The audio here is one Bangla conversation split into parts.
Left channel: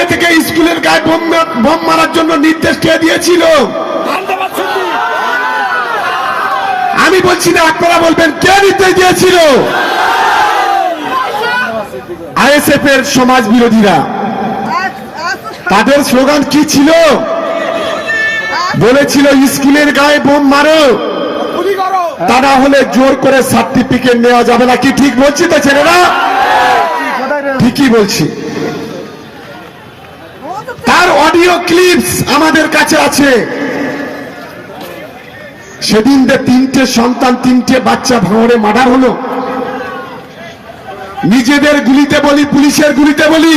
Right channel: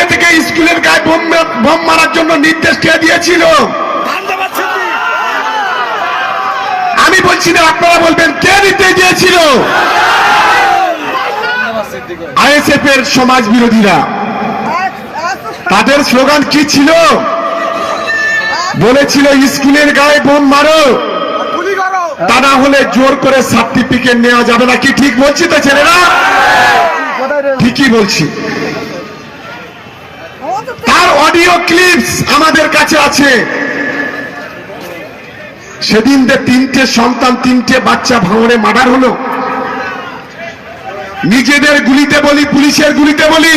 নিজে থেকে স্কুলের গায়ে বোম বোম মারার জন্য নির্দেশ কে দিয়েছিল? আমি বলছি না আপনারা বলবেন কে নির্দেশ দিয়েছিল? আইএসএফ এর সমাজ বিরোধীরা। তাদের স্লোগান কি ছিল? বলেছিল স্কুলের গায়ে বোম মারো। তা না হলে জোর করে সার্টিফিকেট নেওয়া যাবে না। কি ঠিক বলছি তো ছেলেরা? ঠিকই বলছি। তার অডিও ক্লিপস আমাদের কাছে আছে। সেদিন যে তিনটে সন্তান, তিনটে বাচ্চা ভাঙড়ে মার্ডার হলো। নিজেদের গুলিতে বলি, পুলিশের গুলিতে বলি।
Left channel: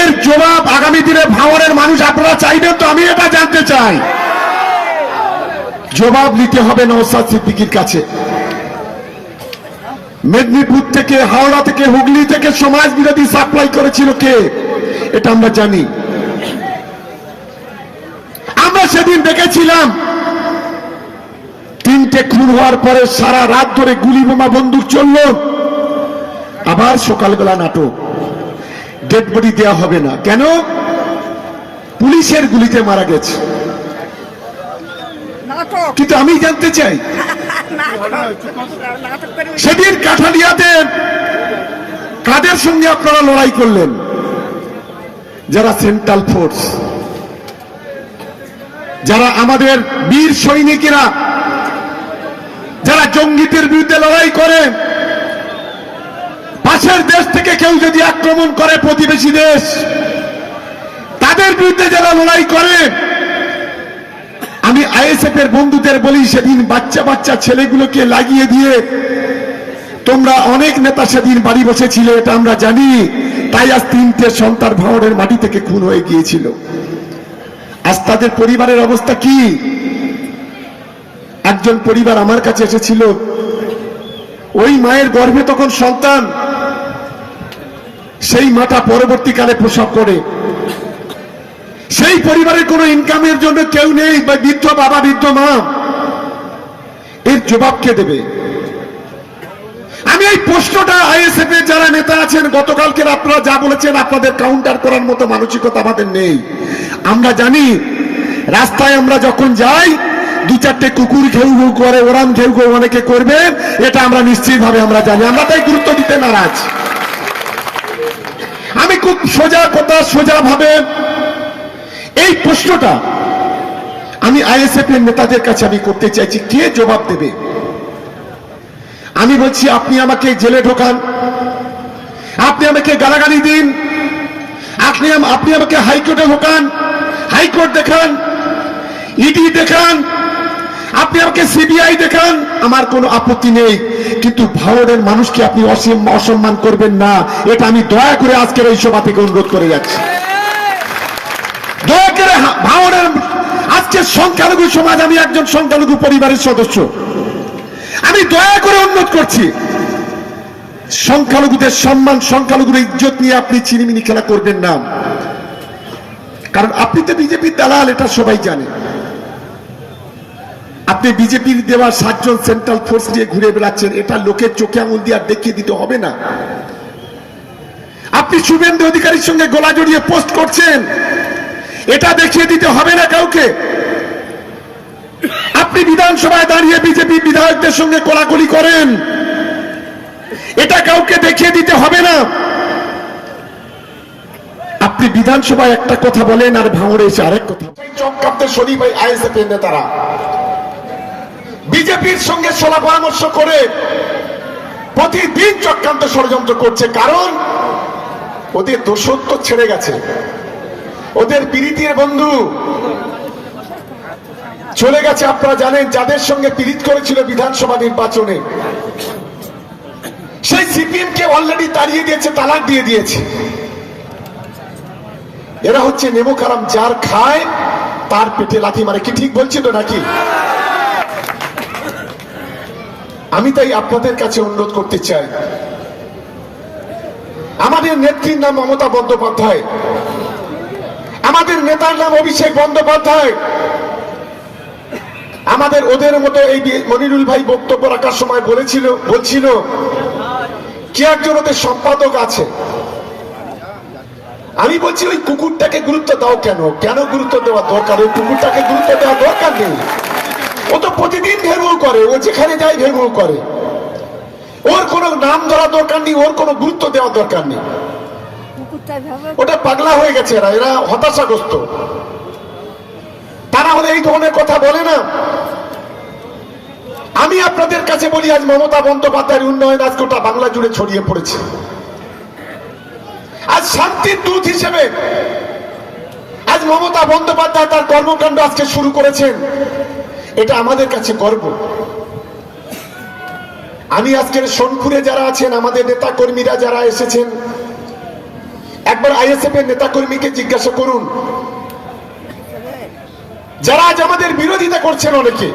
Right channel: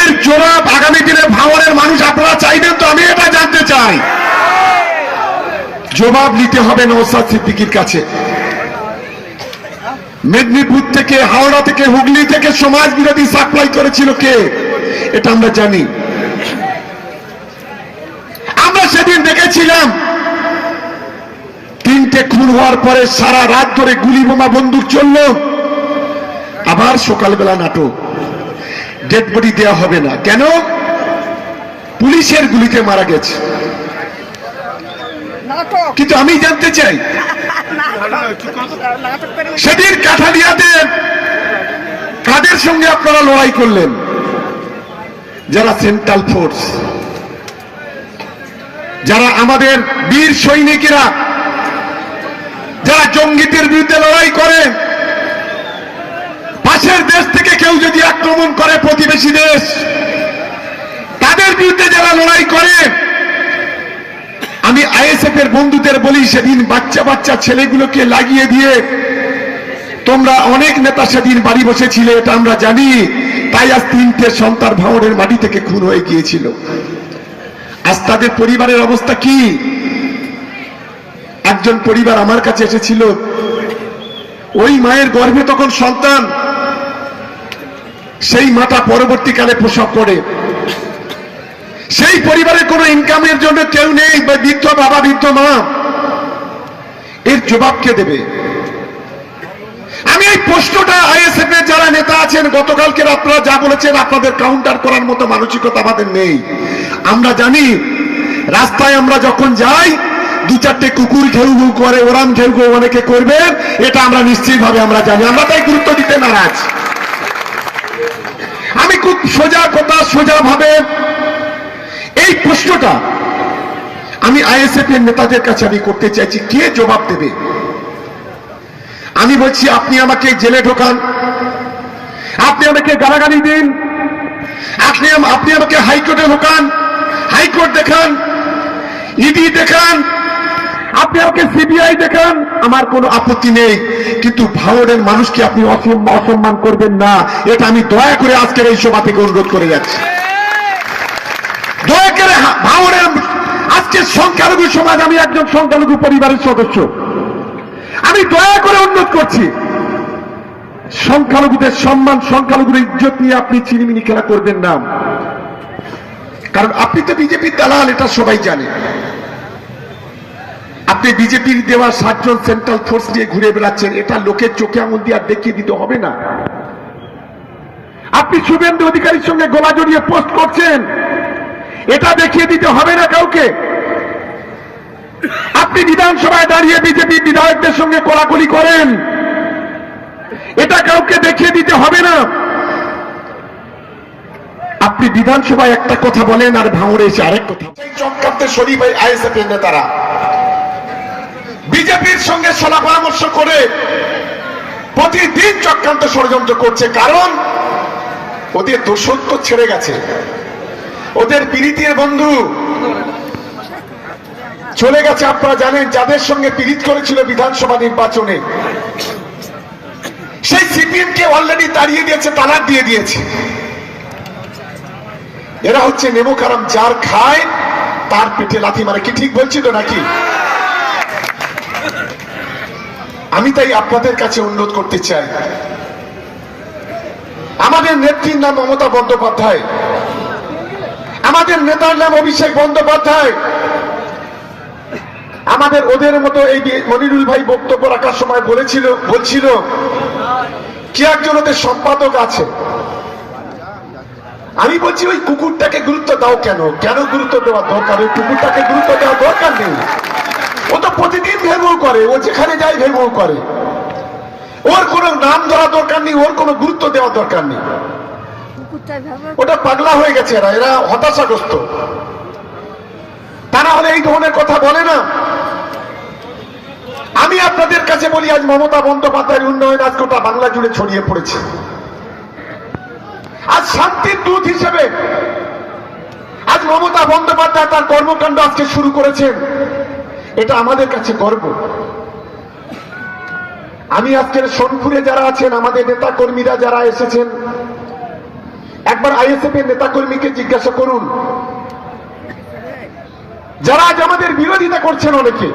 এর জবাব আগামী দিনে ভাঙড়ের মানুষ আপনারা চাইবেন তো, আমি এটা জানতে চাই। জবাব নিতে হবে নৌসাদ সিদ্দিকির কাছে। মেদিনীপুর থেকে, হাওড়া থেকে, হুগলি থেকে সমাজ বিরোধী সাপ্লাই করেছিল কে? এটা আমরা জানি। আমরা সেদিন দেখেছিলাম তিনটে খুন হওয়ার পরে সারা রাত ধরে গুলি বোমা বন্দুক চলল। আবার সকালবেলা নাটক। ডেড বডি দেওয়া হবে না। কেন? পুলিশের গুলিতে মারা গেছে। কিন্তু আমি জানতে চাই সেদিন কাঠালিয়াতে কাদের সঙ্গে আপনারা লড়াই করলেন? যারা সেন্ট্রাল ফোর্স, যারা আমাদের বীর সৈনিকেরা, যারা জঙ্গিদের বিরুদ্ধে লড়াই করে, পাশের দেশ থেকে কেউ যদি আক্রমণ করে প্রতিবেশী দেশ, তাদের বিরুদ্ধে যারা লড়াই করে, আমি আইএসএফ এর বন্ধুদের বলি, সেদিন বাচ্চা বাচ্চা ছেলেগুলোকে লাগিয়ে দিয়ে তোমরা অনেক নেতা সেদিন বাড়ি বসেছিলে, এটা আমরা জানি। তাই আজ তিনটে সন্তান ভাঙড়ের মাটি থেকে খুন হয়ে গিয়েছিল। আজ তাদের পরিবারের অবস্থা কি? একজন পরিবার আমার কাছে এসেছিল। ওই মায়ের গর্ভে তখন সন্তান। সেই মাটা পরবর্তীকালে প্রসব করে। সেই পরিবারের কোনো ইনকামের জন্য কেউ নেই, বা বৃদ্ধ বাবা, বৃদ্ধ মা। এর জবাব কে দেবে? এই প্রশ্নটা আইএসএফ এর যারা নেতা আছেন, গতকালকে আপনারা যা বলেছেন আপনাদের কাউন্টার করার মতো মানসিকতা আমাদের নেই। আমরা জানি, রাস্তায় আমরা যখন যাই, দু চারটে কুকুর ঘেউ ঘেউ করে, ওরাম ঘেউ ঘেউ অনেকে করবে, এটা আমরা নিশ্চিত ভাবে আমরা জানি। আমরা তাই গুরুত্ব দিতে নারাজ। আমি খুব সোজা কথা সোজা ভাবে এই প্রশ্নটা আমি আইএসএফ এর নেতাদের কাছে আমি করতে চাইছি, কে জবাব দেবে? আমি বলছি, আপনি আমাকে জেলে ঢোকান। আপনি আমাকে গালাগালি দিন। আপনি আপনি আমাকে হাইকোর্টে ঢোকান। হাইকোর্ট দেখান। ইডি দেখান। আপনি আমাকে সিবিআই দেখান। আমার কোনো আপত্তি নেই। কিন্তু ভাওরের মানুষকে আপনি অসম- অসম্মান করবেন না। এটা আমি দয়া করে আজকের এই সভা থেকে অনুরোধ করে যাচ্ছি। দয়া করে হা- আজকে সংখ্যালঘু সমাজ, আমি একজন সংখ্যালঘু পরিবারের সদস্য। আমি দয়া করে অনুরোধ করছি, সংখ্যালঘুদের সম্মান সংখ্যালঘুদের ইজ্জত নিয়ে আপনি চিনিমিনি খেলা করবেন না। কারণ আপনি তো বিজেপির দালাল, এটা সবাই জানে। আপনি বিজেপির দেওয়া সাতজন সেন্ট্রাল ফোর্স নিয়ে ঘুরে বেড়াচ্ছেন, এটা লোকের চোখে আঙুল দিয়ে আর দেখিয়ে দিতে হবে না। আপনি শুভেন্দু অধিকারীর সঙ্গে গলা জড়িয়ে পোস্ট করছেন, এটা দেখিয়ে দিতে হবে না কাউকে। আপনি বিধানসভায় দাঁড়িয়ে বিজেপি বিধায়কদের সঙ্গে কোলাকুলি করেন। এটা কাউকে দেখিয়ে দিতে হবে না। আপনি বিধানসভায় একটা কথা বলেন আর ভাঙড়ে এসে আরেক কথা। চক্রান্তে শরীফ আইএসএফ এর নেতারা। বিজেপির সঙ্গে সলা পরামর্শ করে প্রতিদিন চক্রান্ত ষড়যন্ত্র করছে, কারণ ওদের দোষত্ব ছেড়ে গেছে। ওদের পীড়িতের বন্ধু চলে গেছে আপনারা জানেন যাদের সঙ্গে পীড়িত করেছিল বিধানসভা নির্বাচনে। সেই সিপিএম কে অলরেডি তাড়িয়ে দিয়েছে, তালাক দিয়ে দিয়েছে। এরা হচ্ছে নেমো কারাম যার খায় তার পেটে লাথি মারে। কি ঠিক বলছি তো নাকি? আমি তাই আপনাদের কাছে অনুরোধ করতে চাই। আমাদের নেত্রীর নাম মমতা বন্দ্যোপাধ্যায়। আমাদের নেতার নাম অভিষেক বন্দ্যোপাধ্যায়। আমাদের ওদের মতো এই মনিরুল ভাই বক্তব্য রাখার সময় বলেছিল বলছিল কি একজন ওদের সম্পাদক আছে? আমি বলছি ওই কুকুরটাকে গুরুত্ব দাও কেন? কেন গুরুত্ব দেওয়া দরকার? ওই কুকুরটাকে গুরুত্ব দেওয়া দরকার নেই। ও তো প্রতিদিন ভেঙল করে ও যেখানে যায় ভেঙল করে। ওর কোনো নাম ধরা দরকার নেই ওর কোনো গুরুত্ব দেওয়া দরকার নেই। ওটা পাগলা হয়ে গেছে এরা এরা হতাশাগ্রস্ত। তারা হলে এই ধরনের কথা বলে না। আমি আপনাদের কাছে বলি, আজ মমতা বন্দ্যোপাধ্যায়ের উন্নয়ন আজ গোটা বাংলা জুড়ে ছড়িয়ে পড়েছে। আজ শান্তির দূত হিসেবে আজ মমতা বন্দ্যোপাধ্যায় তার কর্মকাণ্ড আজকে শুরু করেছেন। এটা আমাদের কাছে গর্ব। আমি আজকের সোনপুরে যারা আছেন, আমাদের নেতা কর্মীরা যারা এসেছেন, একবার আইএসএফ এর নেতা কর্মীকে জিজ্ঞাসা করুন যারা আজ আমাদের বিরোধিতা করছেন অনেকে,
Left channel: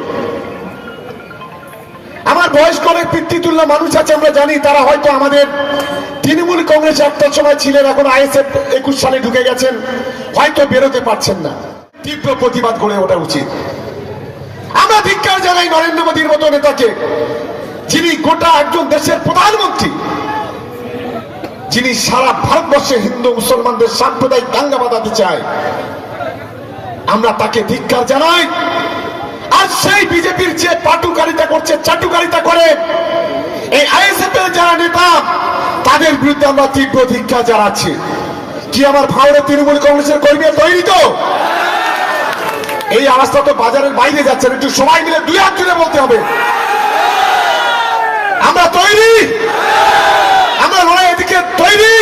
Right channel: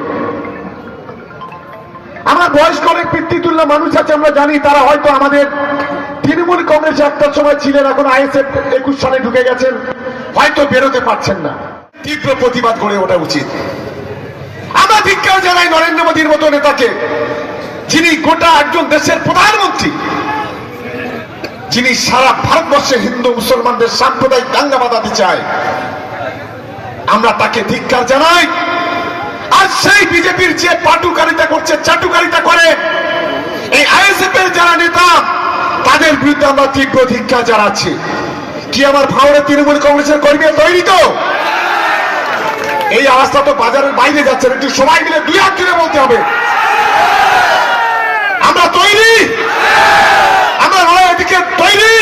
আমার বয়স্ক অনেক পিতৃতুল্য মানুষ আছে, আমরা জানি, তারা হয়তো আমাদের তৃণমূল কংগ্রেস একটা সময় ছিলেন, এখন আইএসএফ একুশ সালে ঢুকে গেছেন, হয়তো বেরোতে পারছেন না। তীব্র প্রতিবাদ গড়ে ওঠা উচিত। আমরা ধিক্কার জানাই নরেন্দ্র মোদীর মতো নেতাকে, যিনি গোটা একজন দেশের প্রধানমন্ত্রী। যিনি সারা ভারতবর্ষে হিন্দু, মুসলমানদের সাম্প্রদায়িক দাঙ্গা বাঁধাতে চায়। আমরা তাকে ধিক্কার জানাই। আর সেই বিজেপির যে পাটুকারিতা করছে, চাটুকারিতা করে, এই আইএসএফ এর যারা নেতা, তাদের বিরুদ্ধে আমরা তীব্র ধিক্কার জানাচ্ছি। কি আমার ভাওরে তৃণমূল কংগ্রেসের কর্মী তৈরি তো? এই অবস্থা তো বাজারের বাইরে যাচ্ছে। একটু সবাই মিলে দুই হাত জুড়ে বলতে হবে। আমরা তৈরি। আমরা লড়াই দিকে তৈরি।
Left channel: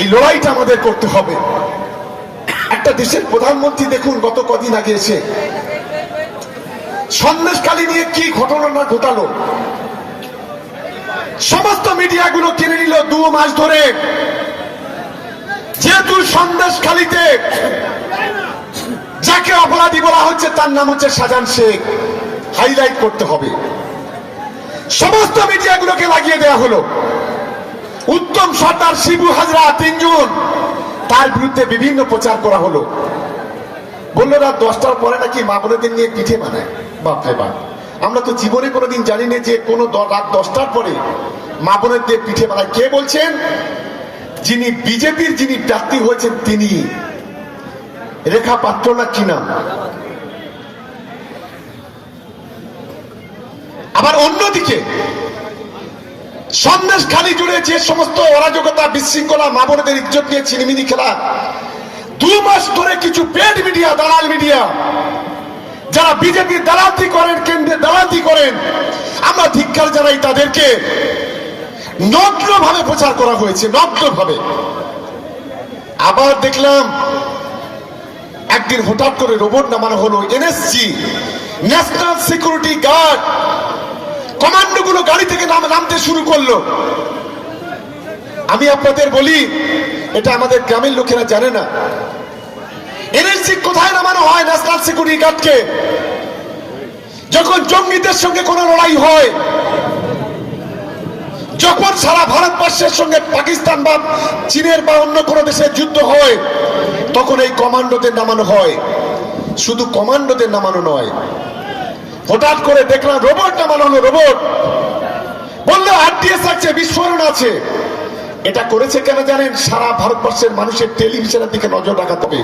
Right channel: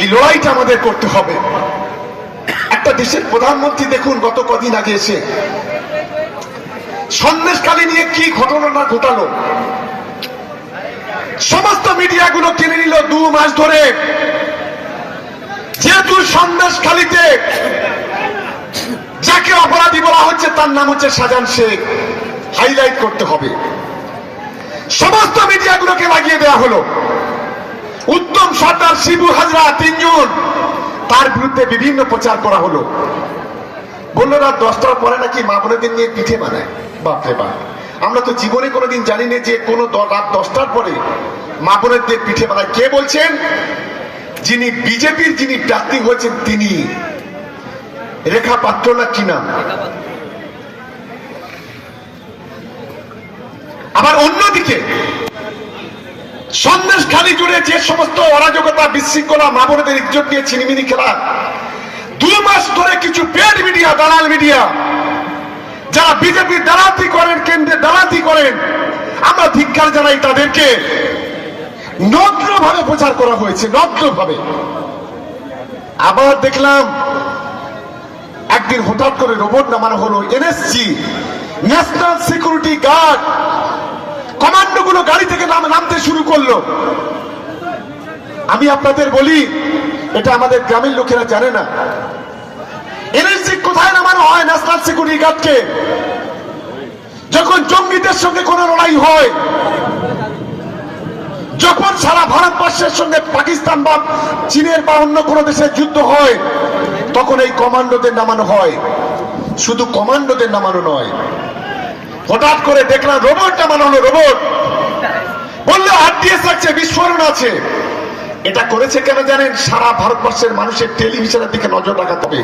এই লড়াইটা আমাদের করতে হবে। দেশের প্রধানমন্ত্রী দেখুন গত কদিন আগে এসে। সন্দেশকালী নিয়ে কি ঘটনা না ঘটালো? সমস্ত মিডিয়াগুলো কিনে নিল দু মাস ধরে। যেহেতু সন্দেশখালীতে যাকে অপরাধী বলা হচ্ছে, তার নাম হচ্ছে শাহজাহান শেখ। হাইলাইট করতে হবে। সমস্ত মিডিয়াগুলোকে লাগিয়ে দেওয়া হলো। উত্তম সর্দার শিবু হাজরা তিনজন তার বিরুদ্ধে বিভিন্ন প্রচার করা হলো। বলল, রাত দশটার পরে নাকি মা বোনেদের নিয়ে পিঠে বানায় বাপরে বাপ। আমরা তো জীবনে কোনোদিন জানি না যে কোনো রাত দশটার পরে মা বোনেদের পিঠে বানায়। কে বলছেন? যিনি বিজেপির যিনি প্রার্থী হয়েছেন তিনি। রেখা পাত্র না কি নাম? আবার অন্যদিকে সন্দেশ খালি জুড়ে যে সমস্ত অরাজকতা, বিশৃঙ্খলা মা ইজ্জত নিয়ে ছিনিমিনি খেলা। দু মাস ধরে কিছু পেড মিডিয়া দালাল মিডিয়া যারা বিজেপি দালাতি করেন কেন্দ্রে দালাতি করেন, আমরা ধিক্কার জানাই তাদেরকে। নগ্ন ভাবে প্রচার করা হয়েছে নগ্ন ভাবে আবার দেখলাম, একদিন হঠাৎ করে রোবট নামানো হলো, NSG national security guard commando গুলো গাড়ি থেকে নাম- নামতে শুরু করল। আমি আপনাদের বলি, এটা আমাদের গ্রামের লোকেরা জানে না। এনএসজি কোথায় নামানো হয় ন্যাশনাল সিকিউরিটি গার্ডকে যখন জঙ্গিদের সঙ্গে কোনো লড়াই হয়, যখন সারা ভারতবর্ষের সঙ্গে পাকিস্তান বা চীনের বা অন্য কোনো দেশের যুদ্ধ হয়, তখন এই কমান্ডোদের নামানো হয়। শুধু কমান্ডোদের নামানো নয় হঠাৎ করে দেখলাম রোবটটা হলো রোবট বলল আরডিএস আছে, বিস্ফোরণ আছে। এটা করেছে কেন জানেন? সারা ভারতবর্ষের মানুষের টেলিভিশনের দিকে নজর রাখাতে হবে।